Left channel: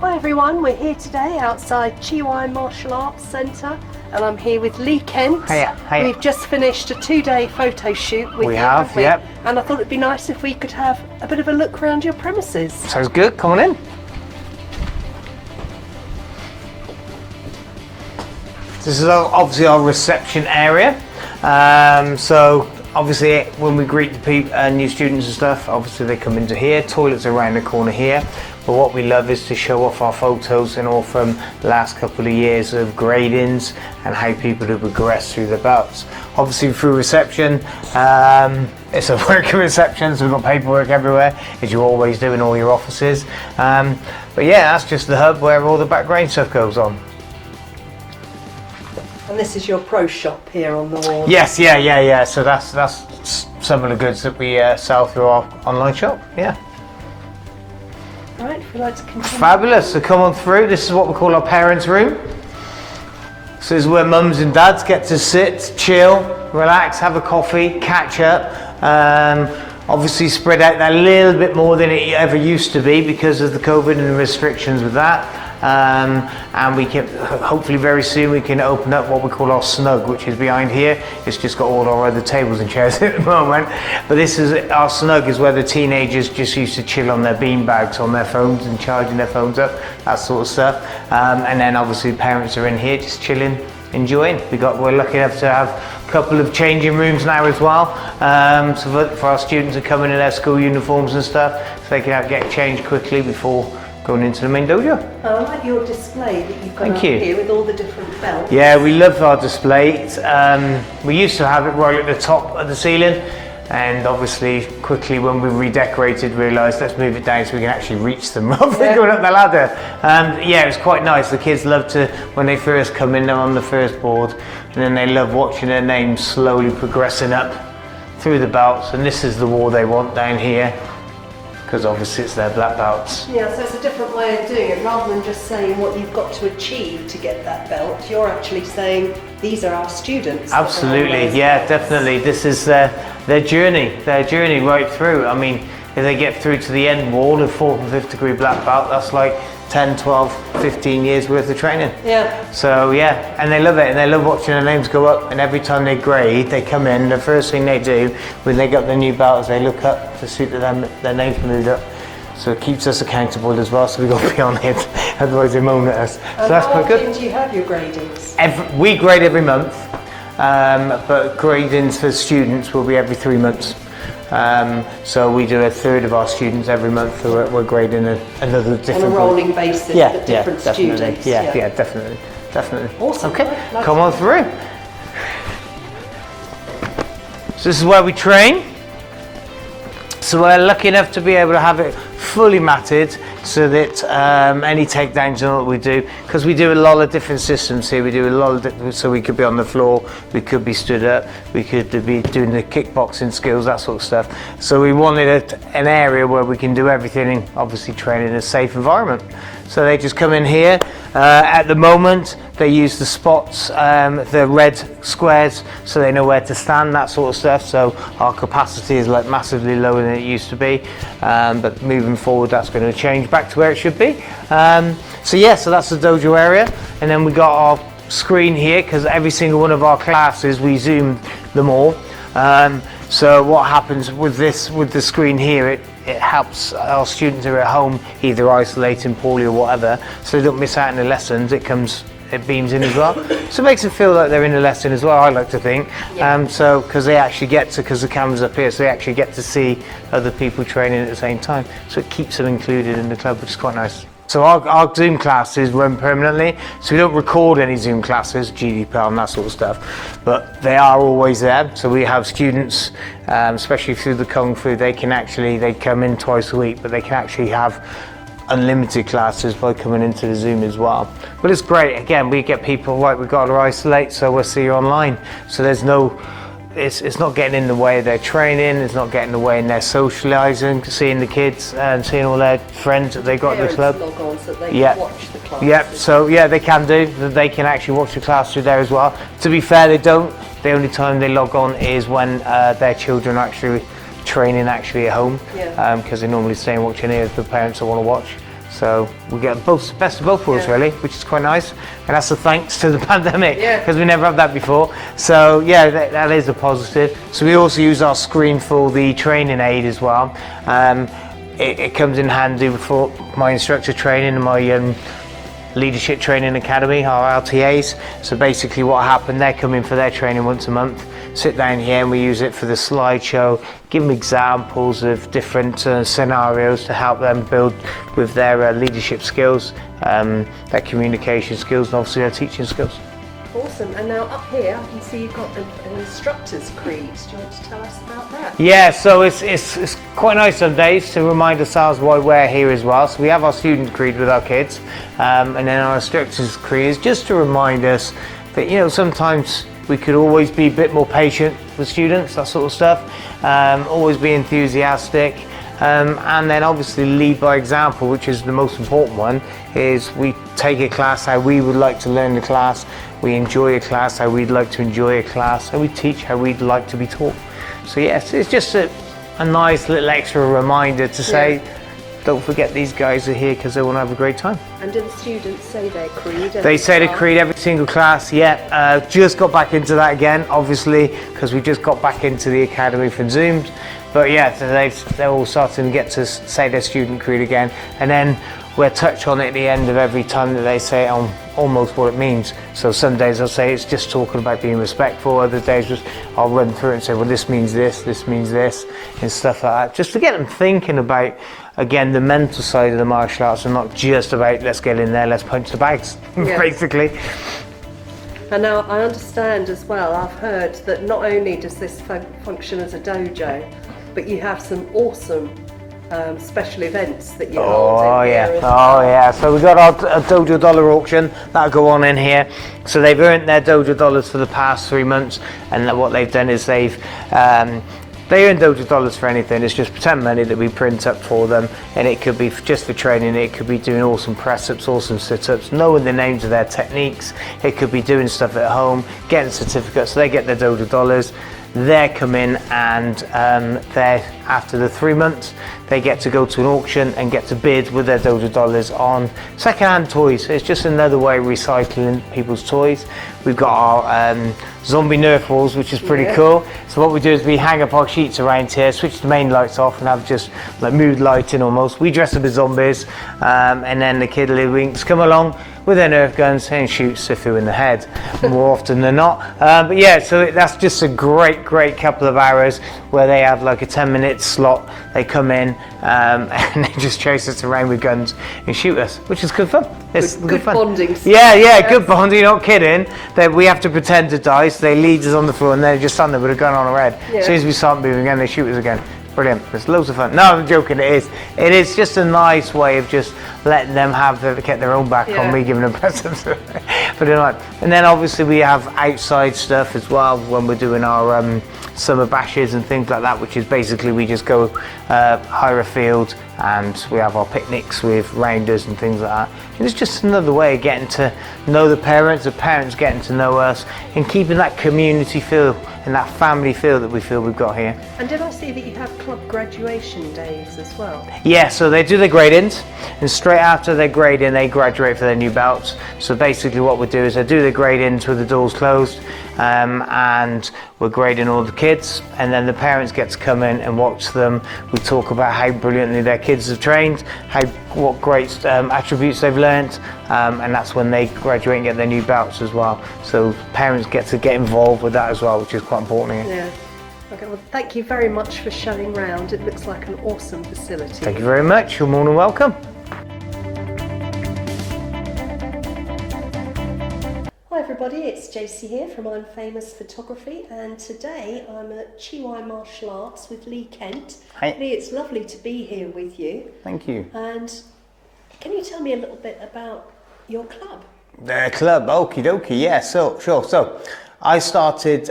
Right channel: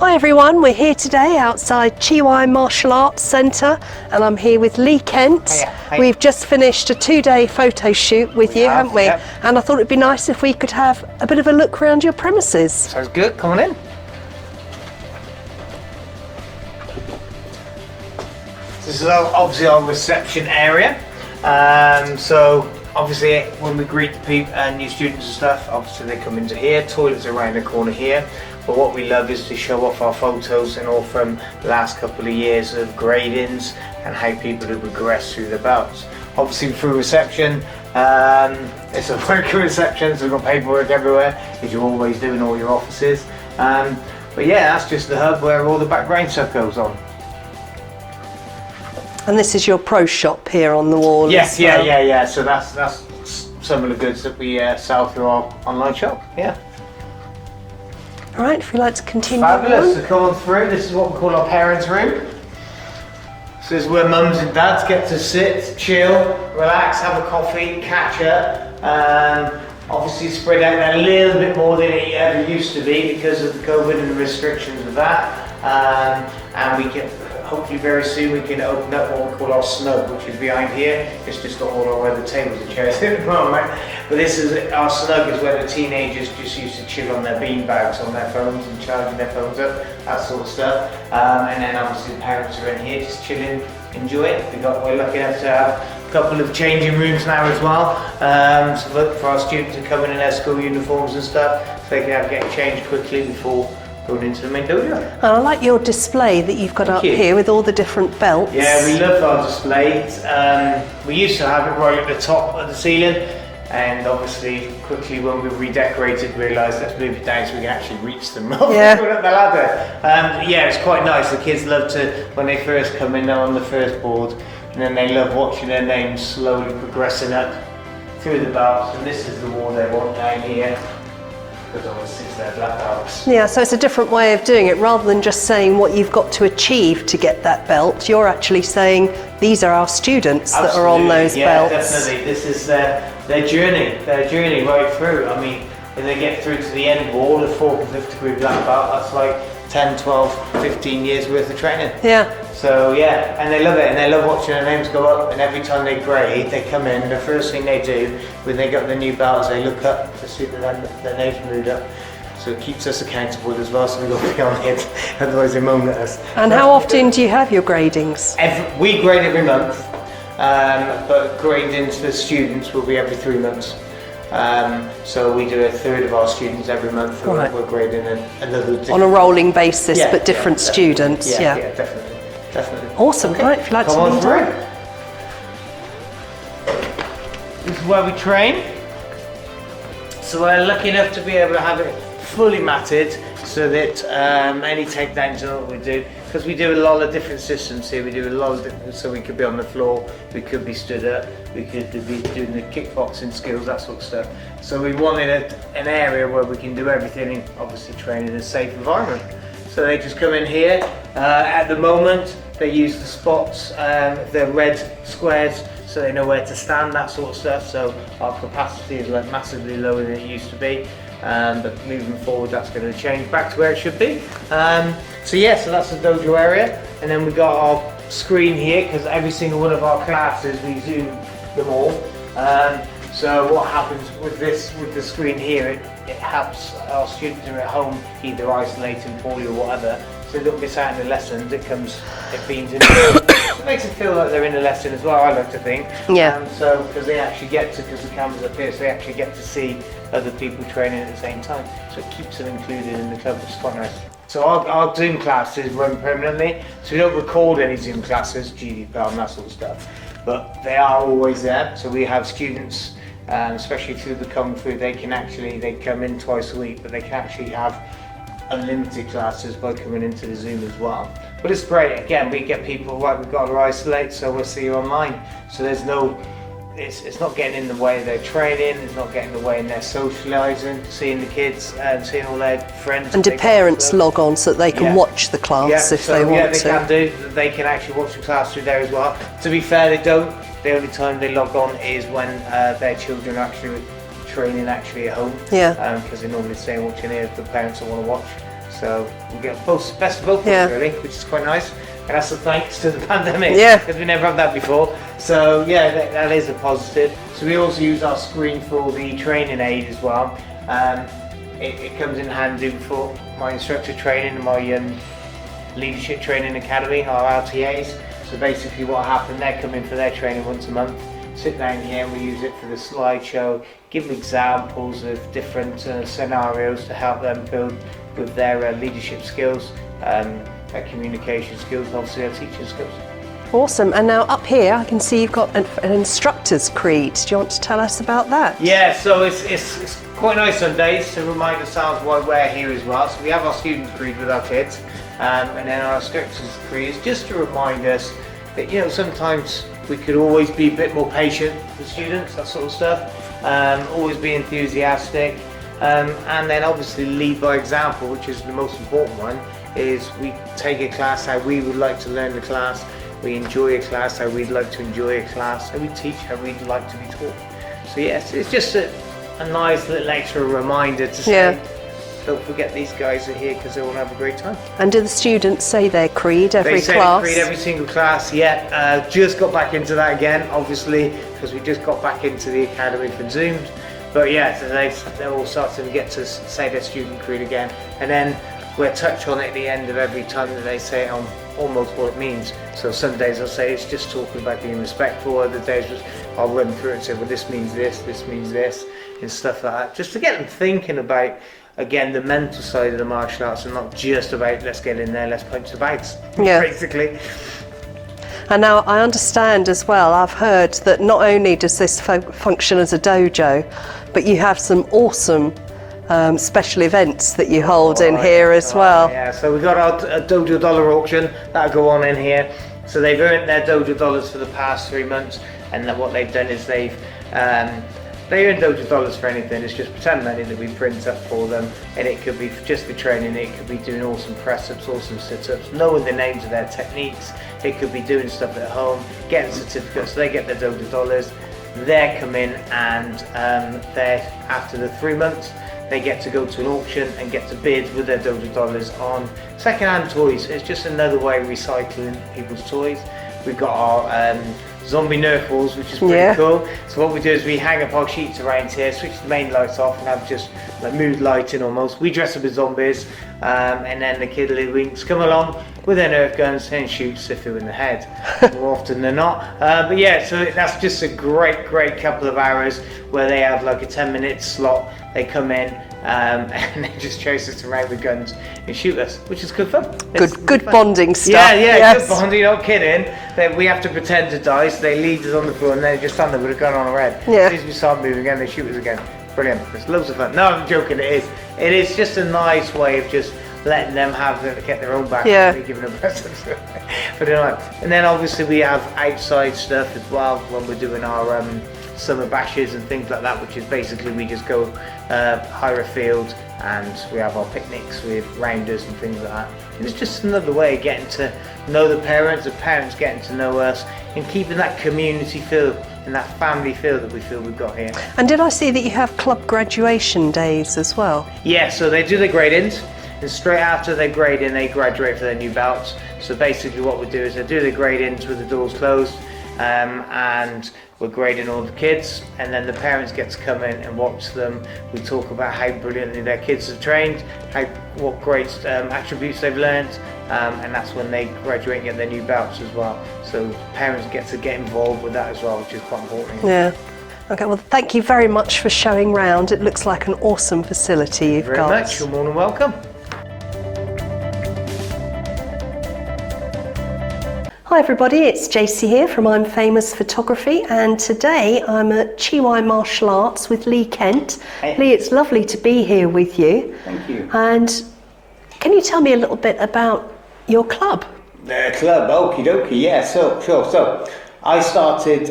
Hi everyone, we're here today outside Chiwai Martial Arts Centre and I'm here with Lee Kent. Hiya. We've just finished a 2-day photo shoot with you, haven't we? Yep. And I thought it'd be nice if we could have a bit of a look around your premises. Sounds good, come on in. This is obviously our reception area. So obviously when we greet the people and new students and stuff, obviously they come into here. Toilets are around the corner here. But what we love is to show off our photos and all from the last couple of years of gradings and how people have progressed through their belts. Obviously through reception, it's a working reception, so we've got paperwork everywhere, as you always do in all your offices. But yeah, that's just the hub where all the background stuff goes on. And this is your pro shop here on the wall. Yes, yeah. So that's some of the goods that we sell through our online shop. Yeah. All right, if you'd like to continue. Fabulous. So come on through. This is what we call our parents' room. So this is where mums and dads get to sit, chill, relax, have a coffee, catch up. Obviously spread out a little bit more than it ever used to be because of the COVID and the restrictions with that. And we can, hopefully very soon, we can open up what we call our snug, which is behind here. It's just got all our other tables and chairs at the moment. But this is, our snug is where the teenagers just used to chill on their bean bags, on their phones and charging their phones up, that sort of stuff. And then obviously parents are in here just chilling, enjoying. We're lucky enough to have a couple of changing rooms now as well. So for our students who come in their school uniforms and stuff, so they can get changed quickly before going into the main dojo. And I like your display that you've got up here with all the different belts. Yeah, we love our display. We used to have it right at the top of the ceiling, and obviously quickly when we redecorated realised let's move it down so we can actually reach them rather than going up the ladder. Yeah, it's quite nice. The kids love to, when they first come in, they're on the first board, and then they love watching their names slowly progressing up through the belts, and this is the wall they want down here, because obviously it's their black belts. Yeah, so it's a different way of doing it. Rather than just saying what you've got to achieve to get that belt, you're actually saying these are our students that are on those belts. Yeah, definitely. This is their journey right through. I mean, if they get through to the end wall, the 4th and 5th degree black belt, that's like 10, 12, 15 years worth of training. Yeah. So yeah, and they love it, and they love watching their names go up, and every time they grade, they come in, the first thing they do when they get their new belts, they look up to see that their name's moved up. So it keeps us accountable as well, so we've got to be on it, otherwise they moan at us. And so how often do you have your gradings? We grade every month, but gradings for students will be every 3 months. So we do a third of our students every month. Right. We're grading another different. On a rolling basis, but different students. Yeah, definitely. Awesome. Okay. Right, come on through. So this is where we train. So we're lucky enough to be able to have it fully matted, so that any takedowns and what we do, because we do a lot of different systems here. We do a lot of different, so we could be on the floor, we could be stood up, we could be doing the kickboxing skills, that sort of stuff. So we wanted an area where we can do everything and obviously train in a safe environment. So they just come in here. At the moment, they use the spots, the red squares, so they know where to stand, that sort of stuff. So our capacity is like massively lower than it used to be. But moving forward, that's going to change back to where it should be. So that's the dojo area. And then we got our screen here, because every single one of our classes, we zoom them all. So what happens with the screen here, it helps our students who are at home, either isolating poorly or whatever, so they don't miss out on the lessons. It beams in as well. So it makes it feel like they're in the lesson as well, I like to think. Yeah. So, because they actually get to, because the camera's up here, so they actually get to see other people training at the same time. So it keeps them included in the club, which is quite nice. So our Zoom classes run permanently, so we don't record any Zoom classes, GDPR and that sort of stuff, but they are always there. So we have students, especially through the Kung Fu, they come in twice a week, but they can actually have unlimited classes by coming into the Zoom as well. But it's great, again, we get people, right, we've got to isolate, so we'll see you online. So there's no, it's not getting in the way of their training, it's not getting in the way in their socialising, seeing the kids and seeing all their friends. And do parents log on so that they can watch the class if they want to? Can do. They can actually watch the class through there as well. To be fair, they don't. The only time they log on is when their children are actually training at home. Yeah. Because they normally stay and watching here if the parents don't want to watch. So we get both best of both worlds really, which is quite nice. And that's a thanks to the pandemic, because we never had that before. So yeah, that is a positive. So we also use our screen for the training aid as well. It comes in handy for my instructor training and my leadership training academy, our LTAs. So basically what happened, they come in for their training once a month, sit down here and we use it for the slideshow, give them examples of different scenarios to help them build with their leadership skills, their communication skills, and obviously their teaching skills. Awesome. And now up here I can see you've got an instructor's creed. Do you want to tell us about that? Yeah, so it's quite nice on days to remind ourselves why we're here as well. So we have our student creed with our kids, and then our instructor's creed is just to remind us that, you know, sometimes we could always be a bit more patient with students, that sort of stuff, always be enthusiastic, and then obviously lead by example, which is the most important one, is we take a class how we would like to learn the class, we enjoy a class how we'd like to enjoy a class, and we teach how we'd like to be taught. So yes, it's just a nice little extra reminder to say, don't forget these guys are here because they want to have a great time. And do the students say their creed every class? They say their creed every single class, just got back into that again, obviously, because we just got back into the academy from Zoom. But yeah, so they're all starting to get to say their student creed again. And then we'll touch on it at the end of every time that they say it on almost what it means. So some days I'll say it's just talking about being respectful, other days just I'll run through it and say, well, this means this means this, and stuff like that. Just to get them thinking about, again, the mental side of the martial arts and not just about let's get in there, let's punch the bags, basically. And now I understand as well, I've heard that not only does this function as a dojo, but you have some awesome special events that you hold in here as well. Yeah, so we've got our Dojo Dollar auction that'll go on in here. So they've earned their Dojo Dollars for the past 3 months, and what they've done is they earn Dojo Dollars for anything. It's just pretend money that we print up for them, and it could be just for training, it could be doing awesome press-ups, awesome sit-ups, knowing the names of their techniques, it could be doing stuff at home, getting certificates. So they get their Dojo Dollars, they come in, and after the 3 months they get to go to an auction and get to bid with their Dojo Dollars on second-hand toys. It's just another way of recycling people's toys. We've got our zombie Nerf balls, which is pretty cool. So what we do is we hang up our sheets around here, switch the main lights off, and have just like mood lighting almost. We dress up as zombies, and then the kiddly-winks come along with their Nerf guns and shoot Sifu in the head more often than not. But yeah, so that's just a great couple of hours where they have like a 10-minute slot. They come in and they just chase us around with guns and shoot us, which is good fun. Good fun. Bonding stuff. Yeah, good bonding, not kidding. We have to pretend to die, so they lead us on the floor and they just stand there with a gun on our head. As soon as we start moving again, they shoot us again. Brilliant. It's loads of fun. No, I'm joking, it is. It is just a nice way of just letting them get their own back on me giving them presents. And then obviously we have outside stuff as well when we're doing our summer bashes and things like that, which is basically we just go hire a field and we have our picnics with rounders and things like that. And it's just another way of getting to know the parents getting to know us, and keeping that community feel and that family feel that we feel we've got here. And did I see that you have club graduation days as well? Yeah, so they do their grade-ins, and straight after their grade-in they graduate for their new belts. So basically what we do is they do the grade-ins with the doors closed, and we're grading all the kids, and then the parents get to come in and watch them. We talk about how brilliantly their kids have trained, what great attributes they've learnt, and that's when they graduate and get their new belts as well. So parents get to get involved with that as well, which is quite important. Yeah. Okay, well, thank you very much for showing round. It looks like an awesome facility. Thank you very much. You're more than welcome. Hi everybody, it's JC here from I'm Famous Photography, and today I'm at Chiwai Martial Arts with Lee Kent. Hey. Lee, it's lovely to be here with you. Thank you. And can you tell me a little bit about your club? The club, okie dokie, yeah, sure. So I started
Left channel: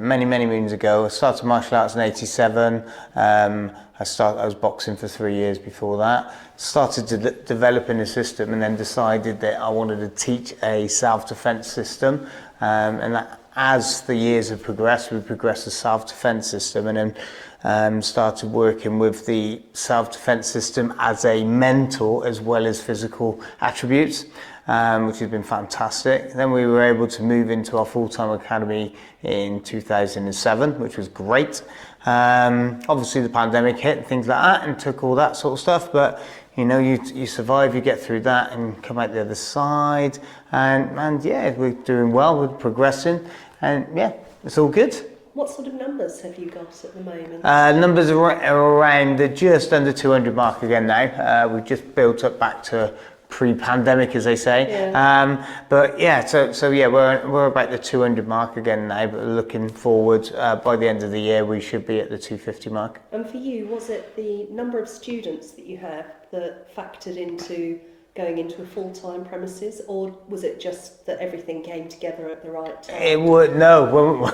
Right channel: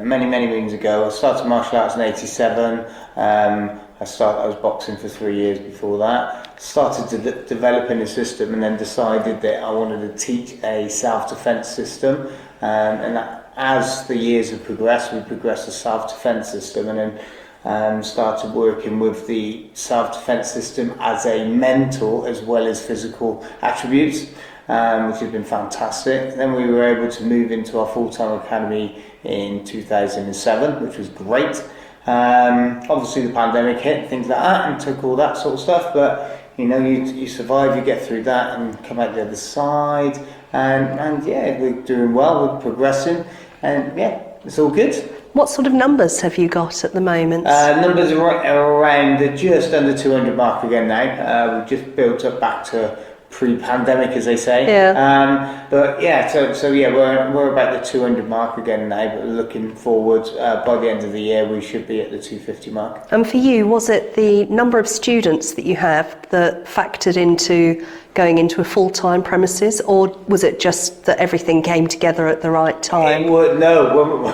many moons ago. I started martial arts in '87. I was boxing for 3 years before that. Started developing a system, and then decided that I wanted to teach a self-defense system. And that, as the years have progressed, we progressed the self-defense system, and then started working with the self-defense system as a mental as well as physical attributes, which has been fantastic. Then we were able to move into our full-time academy in 2007, which was great. Obviously the pandemic hit and things like that and took all that sort of stuff, but you know, you survive, you get through that and come out the other side, and yeah, we're doing well, we're progressing, and yeah, it's all good. What sort of numbers have you got at the moment? Numbers are right around, they're just under 200 mark again now. We've just built up back to pre-pandemic, as they say. Yeah. But yeah, so yeah, we're about the 200 mark again now, but looking forward, by the end of the year, we should be at the 250 mark. And for you, was it the number of students that you have that factored into going into a full-time premises, or was it just that everything came together at the right time? No,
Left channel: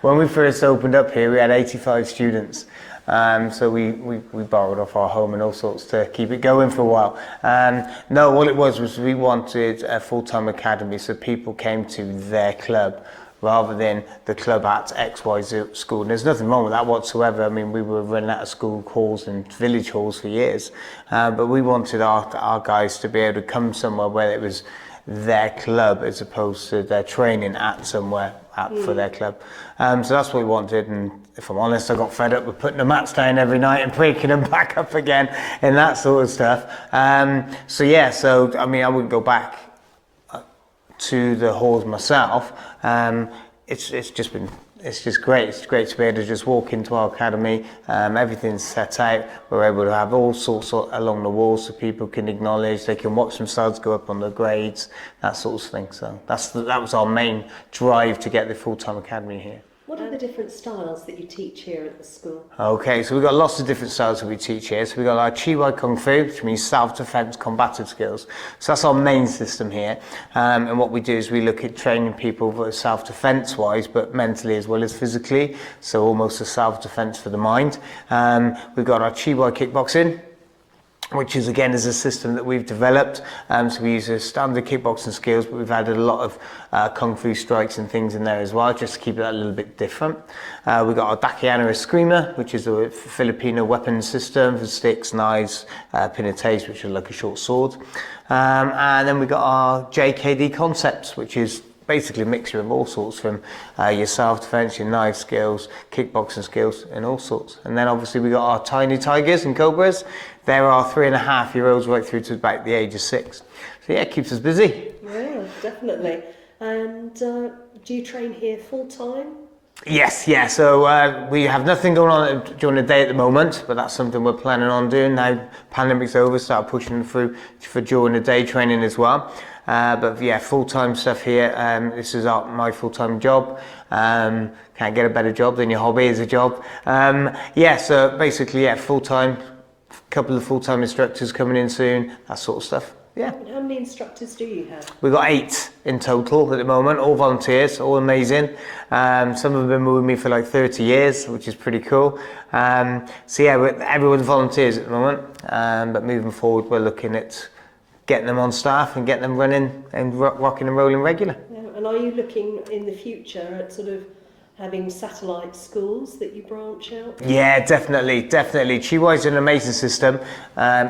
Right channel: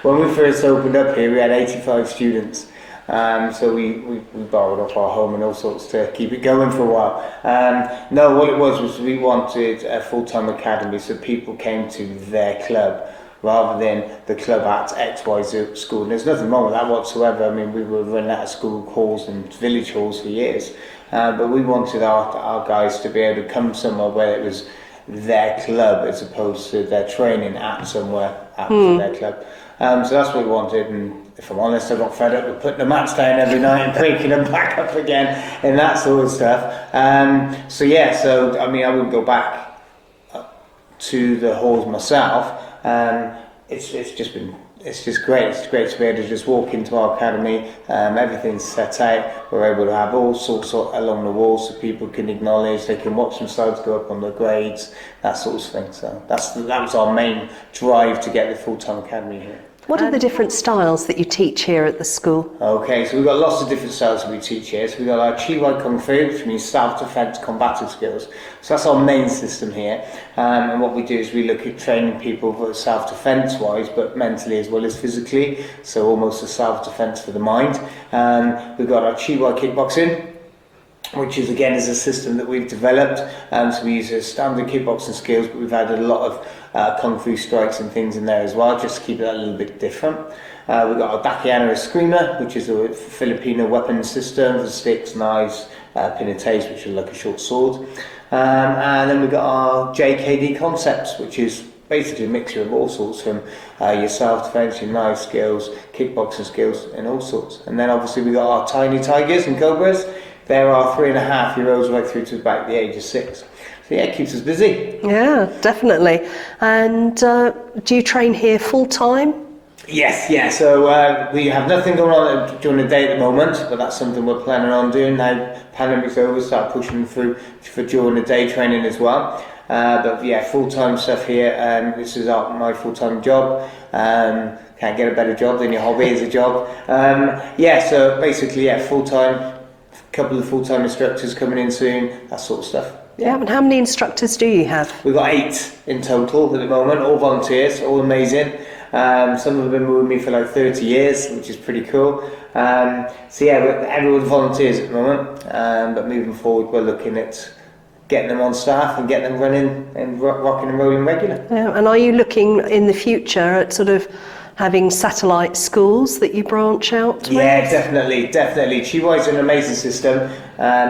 when we first opened up here, we had 85 students. So we borrowed off our home and all sorts to keep it going for a while. No, what it was we wanted a full-time academy, so people came to their club rather than the club at XYZ school. And there's nothing wrong with that whatsoever. I mean, we were running out of school halls and village halls for years, but we wanted our guys to be able to come somewhere where it was their club as opposed to their training at somewhere for their club. So that's what we wanted, and if I'm honest, I got fed up with putting the mats down every night and breaking them back up again and that sort of stuff. So yeah, so I mean, I wouldn't go back to the halls myself. It's just great. It's great to be able to just walk into our academy. Everything's set out. We're able to have all sorts along the walls so people can acknowledge. They can watch themselves go up on the grades, that sort of thing. So that was our main drive to get the full-time academy here. What are the different styles that you teach here at the school? Okay, so we've got lots of different styles that we teach here. So we've got our Chi Wai Kung Fu, which means self-defense combative skills. So that's our main system here. And what we do is we look at training people for self-defense wise, but mentally as well as physically. So almost a self-defense for the mind. We've got our Chi Wai Kickboxing, which is again is a system that we've developed. So we use standard kickboxing skills, but we've added a lot of kung fu strikes and things in there as well, just to keep it a little bit different. We've got our Dakiano Eskrima, which is a Filipino weapon system for sticks, knives, pinates, which are like a short sword. And then we've got our JKD concepts, which is basically a mixture of all sorts, from your self-defense, your knife skills, kickboxing skills, and all sorts. And then obviously we got our Tiny Tigers and Cobras. There are 3.5-year-olds right through to about the age of 6. So yeah, it keeps us busy. Yeah, definitely. And do you train here full time? Yes, yeah. So we have nothing going on during the day at the moment, but that's something we're planning on doing now. Pandemic's over, start pushing through for during the day training as well. But yeah, full-time stuff here. This is my full-time job. Can't get a better job than your hobby as a job. Yeah, so basically, yeah, full-time. Couple of full-time instructors coming in soon, that sort of stuff. Yeah, and how many instructors do you have? We've got 8 in total at the moment, all volunteers, all amazing. Some have been with me for like 30 years, which is pretty cool. So yeah, everyone's volunteers at the moment, but moving forward, we're looking at getting them on staff and getting them running and rocking and rolling regular. Yeah, and are you looking in the future at sort of having satellite schools that you branch out to? Yeah, definitely. Chi Wai is an amazing system,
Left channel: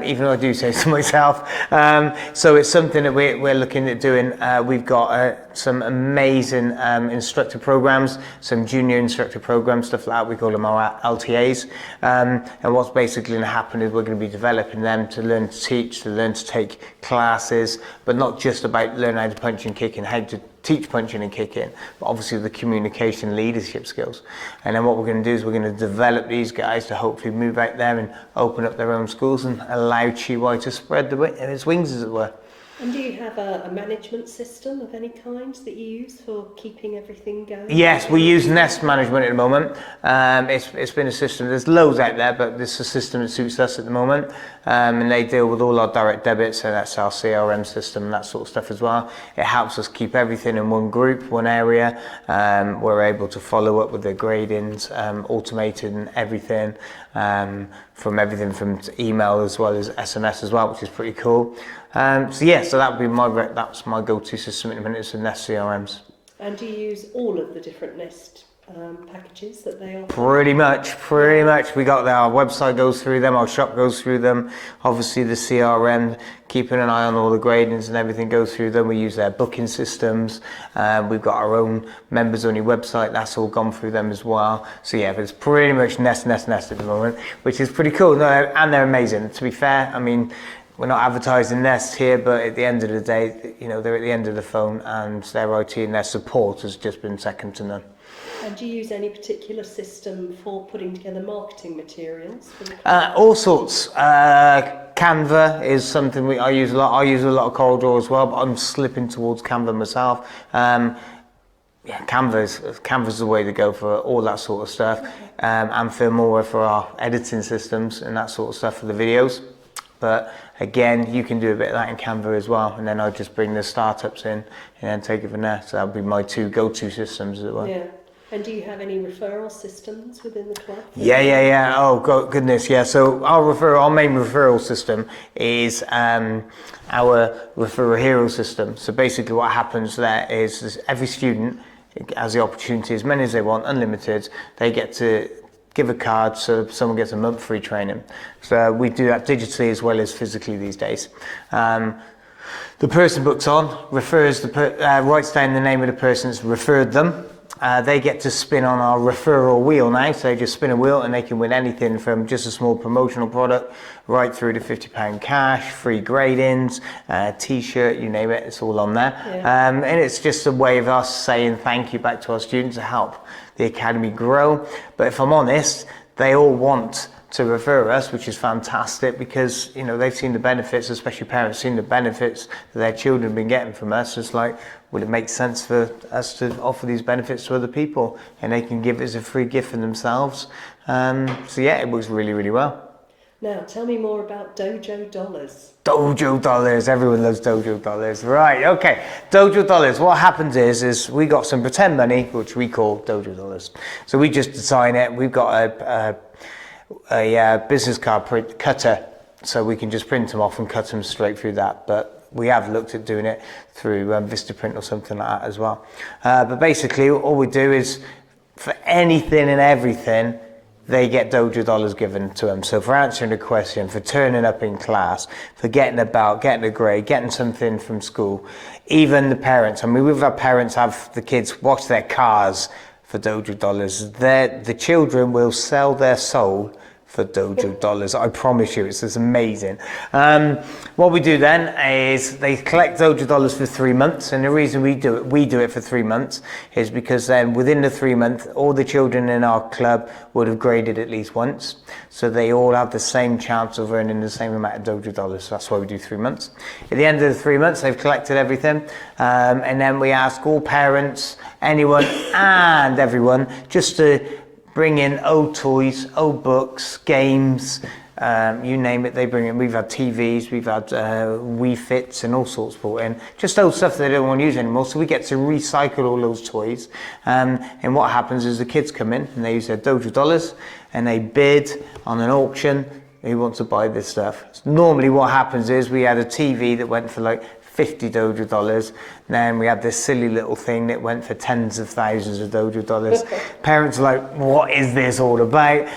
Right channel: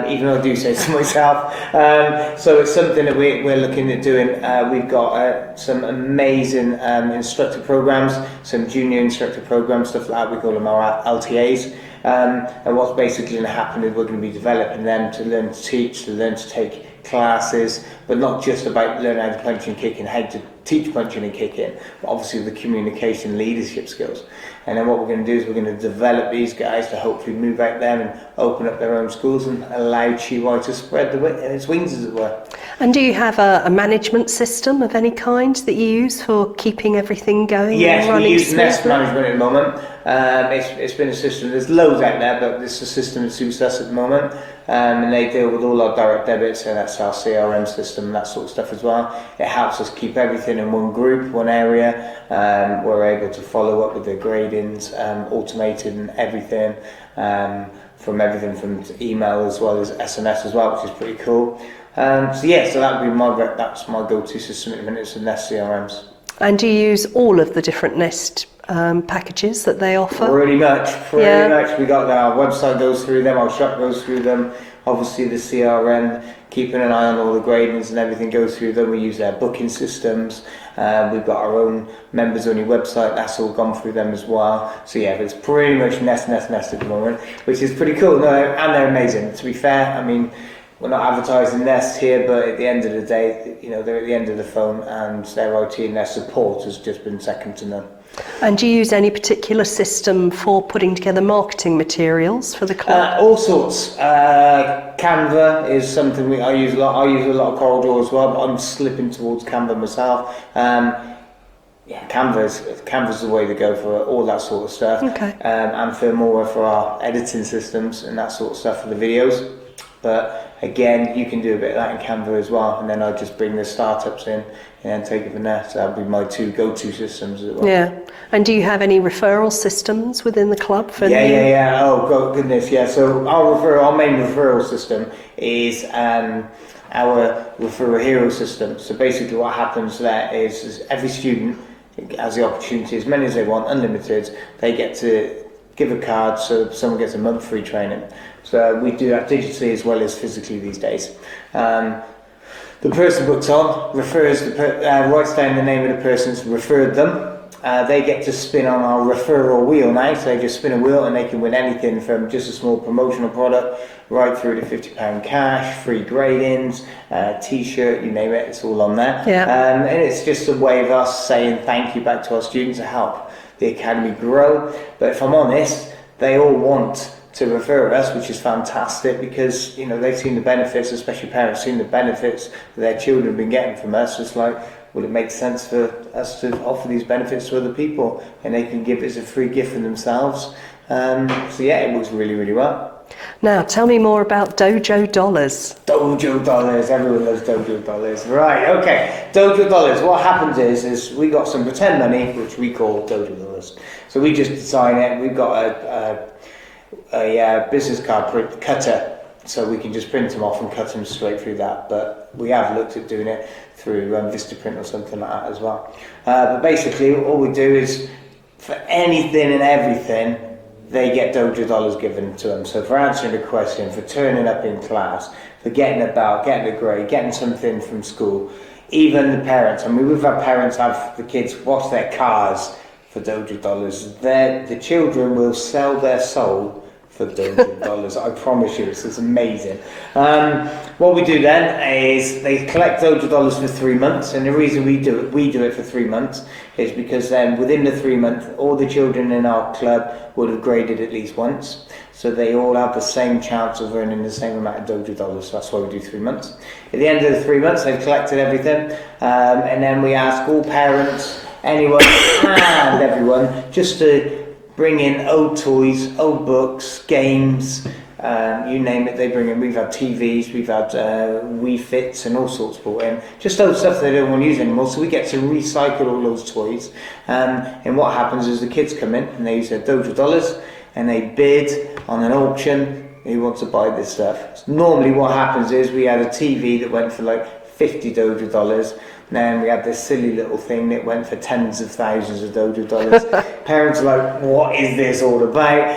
even though I do say so myself. So it's something that we're looking at doing. We've got some amazing instructor programs, some junior instructor programs, stuff like that. We call them our LTAs. And what's basically going to happen is we're going to be developing them to learn to teach, to learn to take classes, but not just about learning how to punch and kick and how to teach punching and kicking, but obviously the communication leadership skills. And then what we're going to do is we're going to develop these guys to hopefully move out there and open up their own schools and allow Chi Wai to spread its wings, as it were. And do you have a management system of any kind that you use for keeping everything going? Yes, we use Nest Management at the moment. It's been a system, there's loads out there, but this is a system that suits us at the moment. And they deal with all our direct debits, so that's our CRM system and that sort of stuff as well. It helps us keep everything in one group, one area. We're able to follow up with the gradings, automated and everything, from everything from email as well as SMS as well, which is pretty cool. So yeah, so that would be that's my go-to system at the minute, is the Nest CRMs. And do you use all of the different Nest packages that they offer? Pretty much. We got our website goes through them, our shop goes through them. Obviously the CRM, keeping an eye on all the gradings and everything goes through them. We use their booking systems. We've got our own members only website, that's all gone through them as well. So yeah, it's pretty much Nest at the moment, which is pretty cool. No, and they're amazing. To be fair, I mean, we're not advertising Nest here, but at the end of the day, you know, they're at the end of the phone, and their IT and their support has just been second to none. And do you use any particular system for putting together marketing materials for the club? All sorts. Canva is something I use a lot. I use a lot of CorelDRAW as well, but I'm slipping towards Canva myself. Yeah, Canva's the way to go for all that sort of stuff. Okay. And Filmora for our editing systems and that sort of stuff for the videos. But again, you can do a bit of that in Canva as well, and then I just bring the startups in and take it from there. So that'll be my two go-to systems as well. Yeah. And do you have any referral systems within the club? For Yeah. Oh goodness, yeah. So our main referral system is our referral hero system. So basically, what happens there is every student has the opportunity, as many as they want, unlimited. They get to give a card so someone gets a month free training. So we do that digitally as well as physically these days. The person booked on refers writes down the name of the person that's referred them. They get to spin on our referral wheel now, so they just spin a wheel and they can win anything from just a small promotional product right through to £50 cash, free gradings, t-shirt, you name it, it's all on there. Yeah. And it's just a way of us saying thank you back to our students to help the academy grow. But if I'm honest, they all want to refer us, which is fantastic, because you know they've seen the benefits, especially parents seen the benefits that their children have been getting from us. It's like, would it make sense for us to offer these benefits to other people, and they can give it as a free gift for themselves. So yeah, it works really, really well. Now, tell me more about Dojo Dollars. Dojo Dollars, everyone loves Dojo Dollars. Right, okay. Dojo Dollars, what happens is we got some pretend money, which we call Dojo Dollars. So we just design it, we've got a business card cutter, so we can just print them off and cut them straight through that. But we have looked at doing it through Vistaprint or something like that as well. But basically, all we do is, for anything and everything, they get Dojo Dollars given to them. So for answering a question, for turning up in class, for getting a belt, getting a grade, getting something from school, even the parents. I mean, we've had parents have the kids wash their cars for Dojo Dollars. The children will sell their soul for Dojo Dollars. I promise you, it's amazing. What we do then is they collect Dojo Dollars for 3 months, and the reason we do it for 3 months is because then within the 3 months, all the children in our club would have graded at least once, so they all have the same chance of earning the same amount of Dojo Dollars. So that's why we do 3 months. At the end of the 3 months, they've collected everything, and then we ask all parents, anyone and everyone, just to bring in old toys, old books, games, you name it, they bring in. We've had TVs, we've had Wii Fits and all sorts brought in. Just old stuff they don't want to use anymore, so we get to recycle all those toys. And what happens is the kids come in and they use their Dojo Dollars and they bid on an auction who wants to buy this stuff. So normally what happens is we had a TV that went for like 50 Dojo Dollars. Then we had this silly little thing that went for tens of thousands of Dojo Dollars. Parents are like, what is this all about?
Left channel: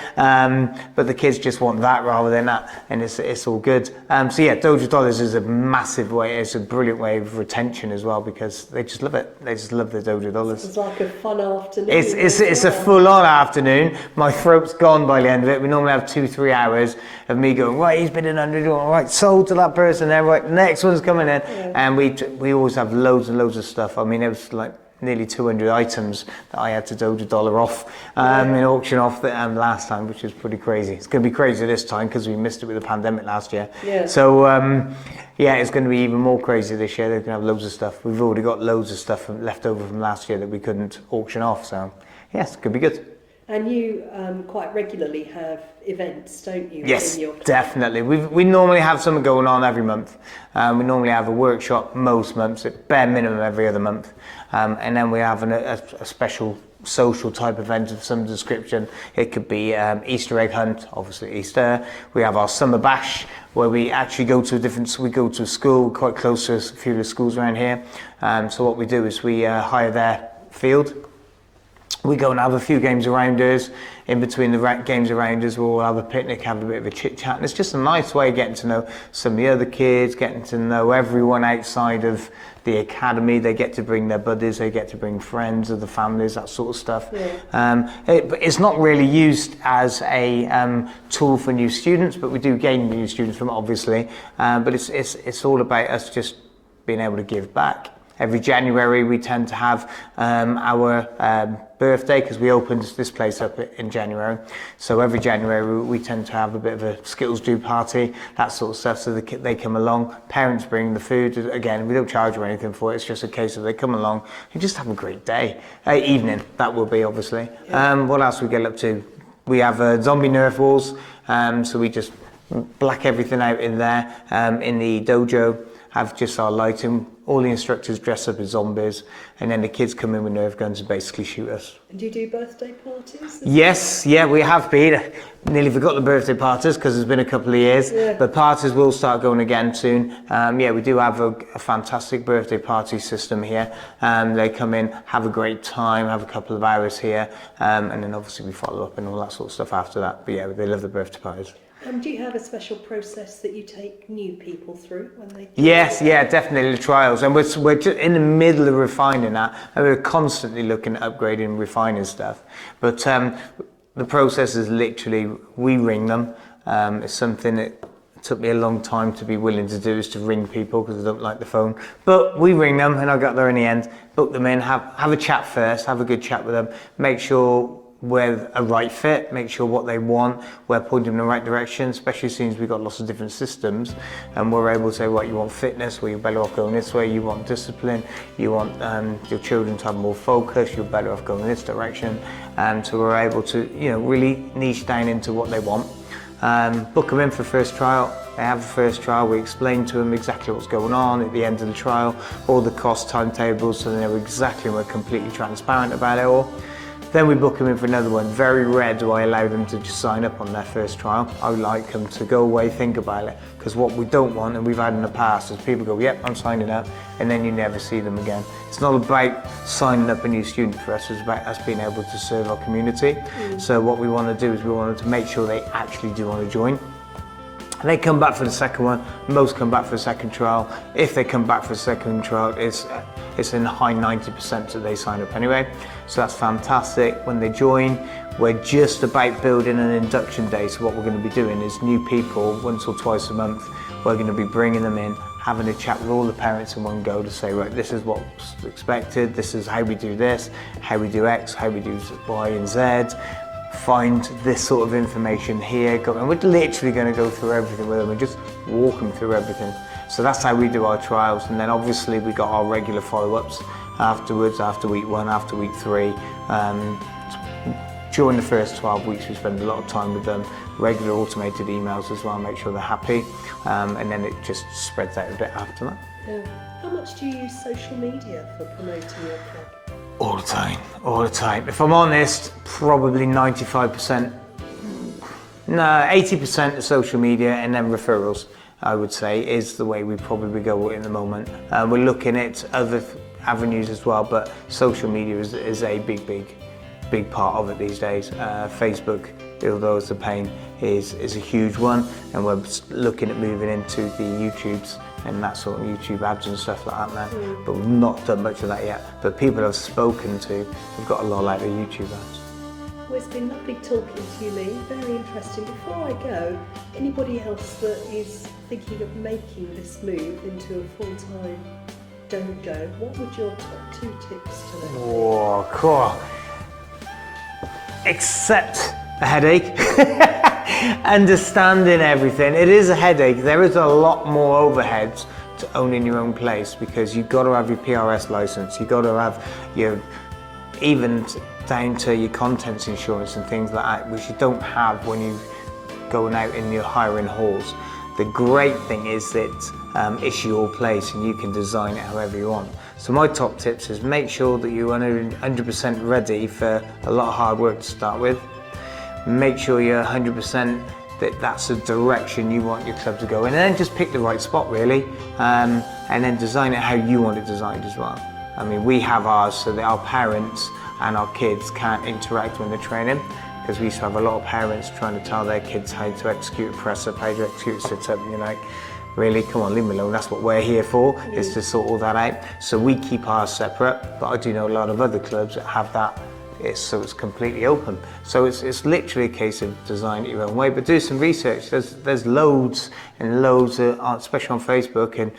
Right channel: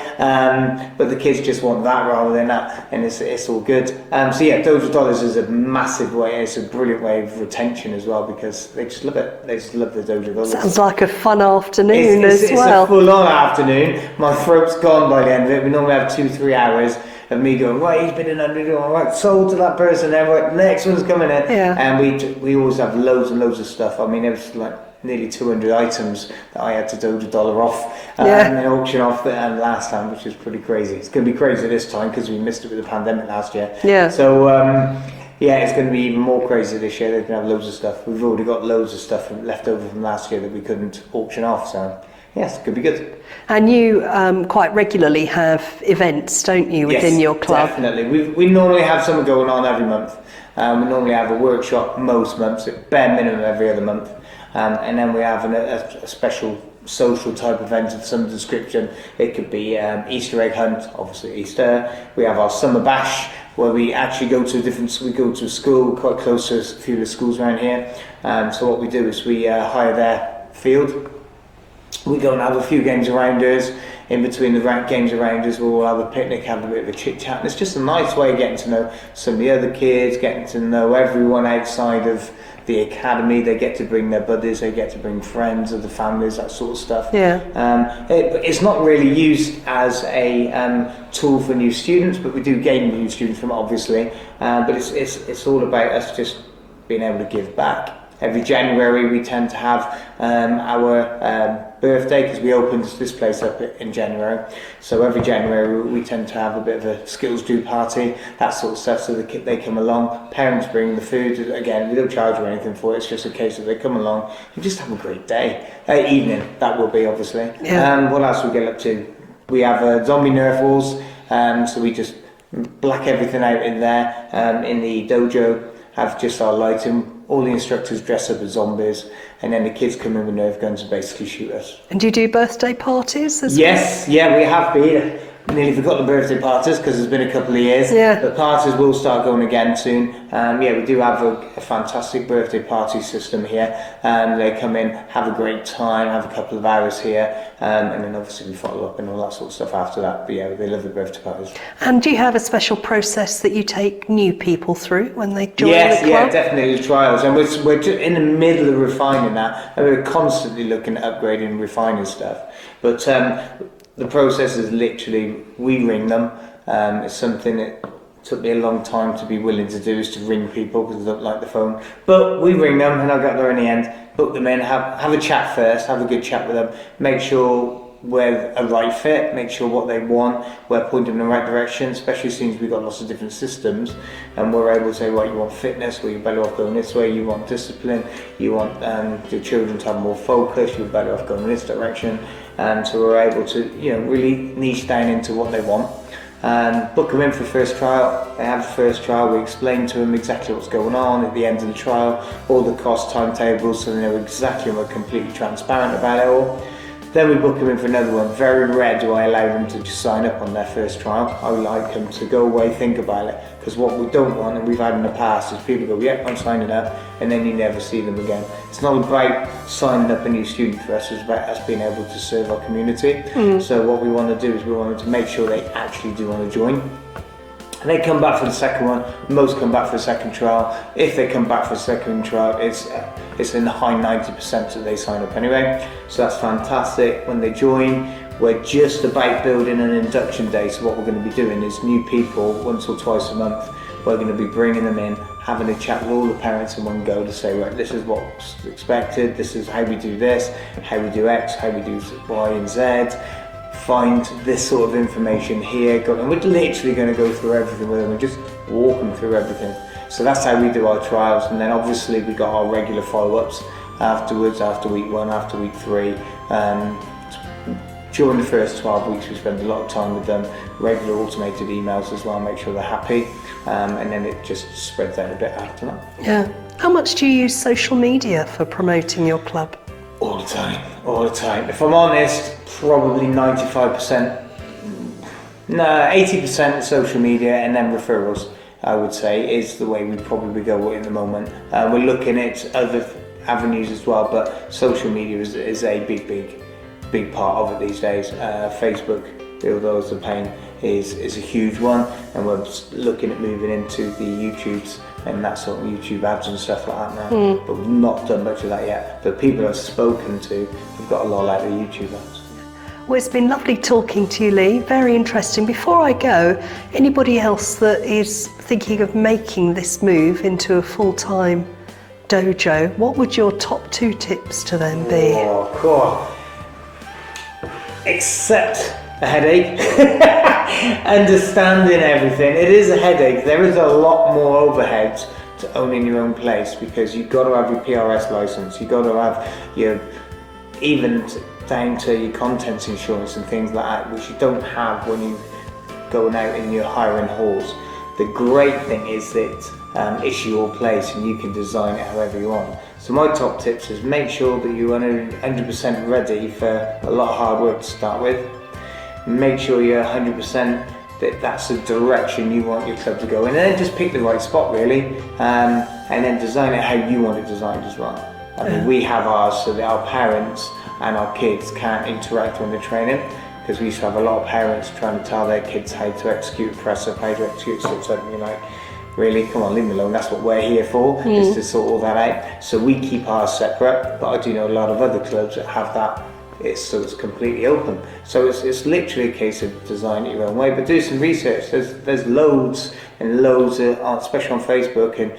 But the kids just want that rather than that, and it's all good. So yeah, Dojo Dollars is a massive way, it's a brilliant way of retention as well, because they just love it. They just love the Dojo Dollars. Sounds like a fun afternoon it's as well. It's a full-on afternoon. My throat's gone by the end of it. We normally have 2-3 hours of me going, right, he's been in 100, right, sold to that person there, right, the next one's coming in. Yeah. And we always have loads and loads of stuff. I mean, it was like nearly 200 items that I had to Dojo Dollar off and auction off last time, which is pretty crazy. It's going to be crazy this time because we missed it with the pandemic last year. Yeah. So yeah, it's going to be even more crazy this year. They're going to have loads of stuff. We've already got loads of stuff left over from last year that we couldn't auction off. So yes, it could be good. And you quite regularly have events, don't you, within your club? Definitely. We normally have something going on every month. We normally have a workshop most months, at bare minimum every other month. And then we have a special social type event of some description. It could be Easter egg hunt, obviously Easter. We have our summer bash, where we actually go to we go to a school quite close to a few of the schools around here. So what we do is we hire their field. We go and have a few games around us. In between the games around us, we'll have a picnic, have a bit of a chit chat. And it's just a nice way of getting to know some of the other kids, getting to know everyone outside of the academy. They get to bring their buddies, they get to bring friends of the families, that sort of stuff. Yeah. But it's not really used as a tool for new students, but we do gain new students from it, obviously. But it's all about us just being able to give back. Every January we tend to have our birthday, because we opened this place up in January. So every January we tend to have a bit of a skills do party, that sort of stuff. So they come along, parents bring the food. Again, we don't charge or anything for it. It's just a case of they come along and just have a great day. Evening, that will be obviously. Yeah. What else we get up to? We have zombie Nerf walls. So we just black everything out in there. In the dojo, have just our lighting. All the instructors dress up as zombies, and then the kids come in with Nerf guns and basically shoot us. And do you do birthday parties as Yes, yeah, we have been. Nearly forgot the birthday parties because it's been a couple of years. Yeah. But parties will start going again soon. Yeah, we do have a fantastic birthday party system here. They come in, have a great time, have a couple of hours here, and then obviously we follow up and all that sort of stuff after that. But yeah, they love the birthday parties. And do you have a special process that you take new people through when they join Yes, the club? yeah, definitely the trials, and we're just in the middle of refining that, and we're constantly looking at upgrading and refining stuff. But the process is literally, we ring them. It's something that took me a long time to be willing to do, is to ring people because I don't like the phone. But we ring them, and I got there in the end, book them in, have a chat first, have a good chat with them, make sure we're a right fit, make sure what they want, we're pointing in the right direction, especially since we've got lots of different systems, and we're able to say, right, you want fitness, well, you're better off going this way, you want discipline, you want your children to have more focus, you're better off going this direction. So we're able to, really niche down into what they want. Book them in for first trial. They have the first trial, we explain to them exactly what's going on at the end of the trial, all the cost timetables, so they know exactly, and we're completely transparent about it all. Then we book them in for another one. Very rare do I allow them to just sign up on their first trial. I would like them to go away, think about it, because what we don't want, and we've had in the past, is people go, yeah, I'm signing up, and then you never see them again. It's not about signing up a new student for us, it's about us being able to serve our community. So what we want to do is we want to make sure they actually do want to join. And they come back for the second one, most come back for the second trial. If they come back for the second trial, it's in the high 90% that they sign up anyway. So that's fantastic. When they join, we're just about building an induction day. So what we're going to be doing is new people, once or twice a month, we're going to be bringing them in, having a chat with all the parents in one go to say, right, this is what's expected, this is how we do this, how we do X, how we do Y and Z. Find this sort of information here, and we're literally going to go through everything with them and just walk them through everything. So that's how we do our trials, and then obviously we got our regular follow-ups afterwards, after week 1, after week 3. During the first 12 weeks we spend a lot of time with them, regular automated emails as well, make sure they're happy, and then it just spreads out a bit after that. Yeah. How much do you use social media for promoting your club? All the time, all the time. If I'm honest, probably 95%, no, 80% of social media, and then referrals, I would say, is the way we probably go with at the moment. We're looking at other avenues as well, but social media is a big part of it these days. Facebook, although it's a pain, is a huge one, and we're looking at moving into the YouTubes and that sort of YouTube ads and stuff like that now. But we've not done much of that yet. But people I've spoken to have got a lot out of YouTube ads. Well, it's been lovely talking to you, Lee. Very interesting. Before I go, anybody else that is thinking of making this move into a full-time dojo, what would your top 2 tips to them be? Oh, cool. Accept a headache. Understanding everything. It is a headache. There is a lot more overheads to owning your own place, because you've got to have your PRS license, you've got to have your, even down to your contents insurance and things like that, which you don't have when you're going out and you're hiring halls. The great thing is that it's your place and you can design it however you want. So my top tips is make sure that you're 100% ready for a lot of hard work to start with. Make sure you're 100% that that's the direction you want your club to go in, and then just pick the right spot really, and then design it how you want it designed as well. I mean, we have ours so that our parents and our kids can interact when they're training, because we used to have a lot of parents trying to tell their kids how to execute a press up, how to execute sit-up, and you're like, really, come on, leave me alone, that's what we're here for, is to sort all that out. So we keep ours separate, but I do know a lot of other clubs that have that, so it's completely open. So it's literally a case of design it your own way, but do some research. There's loads and loads, especially on Facebook, and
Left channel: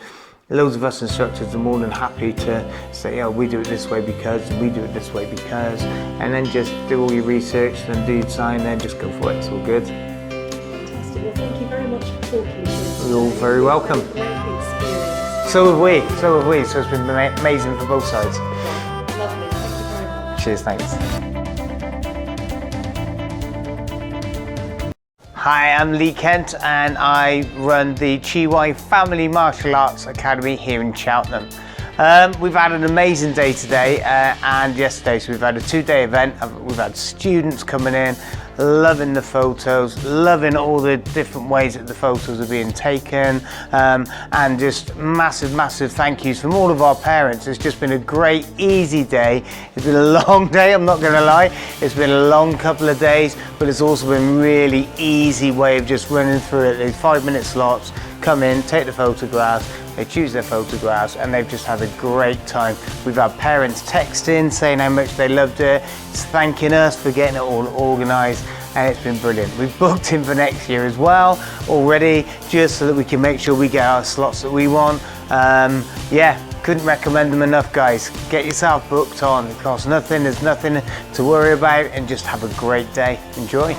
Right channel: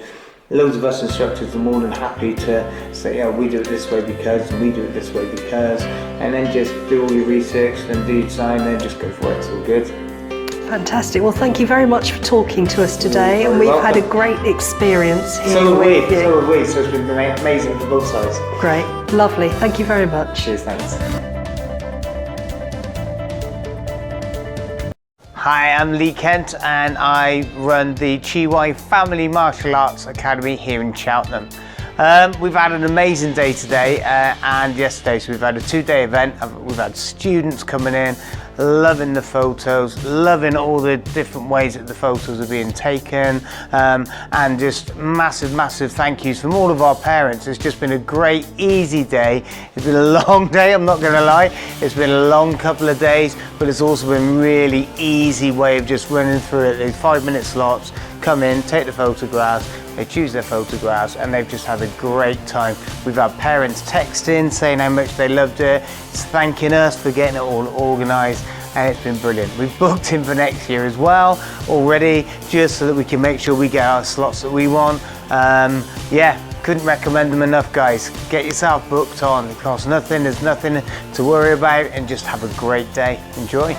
loads of us instructors are more than happy to say, oh, we do it this way because, we do it this way because, and then just do all your research, then do your design, then just go for it, it's all good. Fantastic. Well, thank you very much for talking to us today. You're very We've welcome. had a great experience here. So have we, with you. so have we. So it's been amazing for both sides. Great. Lovely. Thank you very much. Cheers, thanks. Hi, I'm Lee Kent and I run the Chihuahua Family Martial Arts Academy here in Cheltenham. We've had an amazing day today and yesterday, so we've had a 2-day event. We've had students coming in, loving the photos, loving all the different ways that the photos are being taken, and just massive thank yous from all of our parents. It's just been a great, easy day. It's been a long day, I'm not going to lie. It's been a long couple of days, but it's also been really easy way of just running through it. These 5-minute slots, come in, take the photographs, they choose their photographs, and they've just had a great time. We've had parents texting, saying how much they loved it, thanking us for getting it all organised, and it's been brilliant. We've booked in for next year as well already, just so that we can make sure we get our slots that we want. Yeah, couldn't recommend them enough, guys. Get yourself booked on. It costs nothing, there's nothing to worry about, and just have a great day. Enjoy.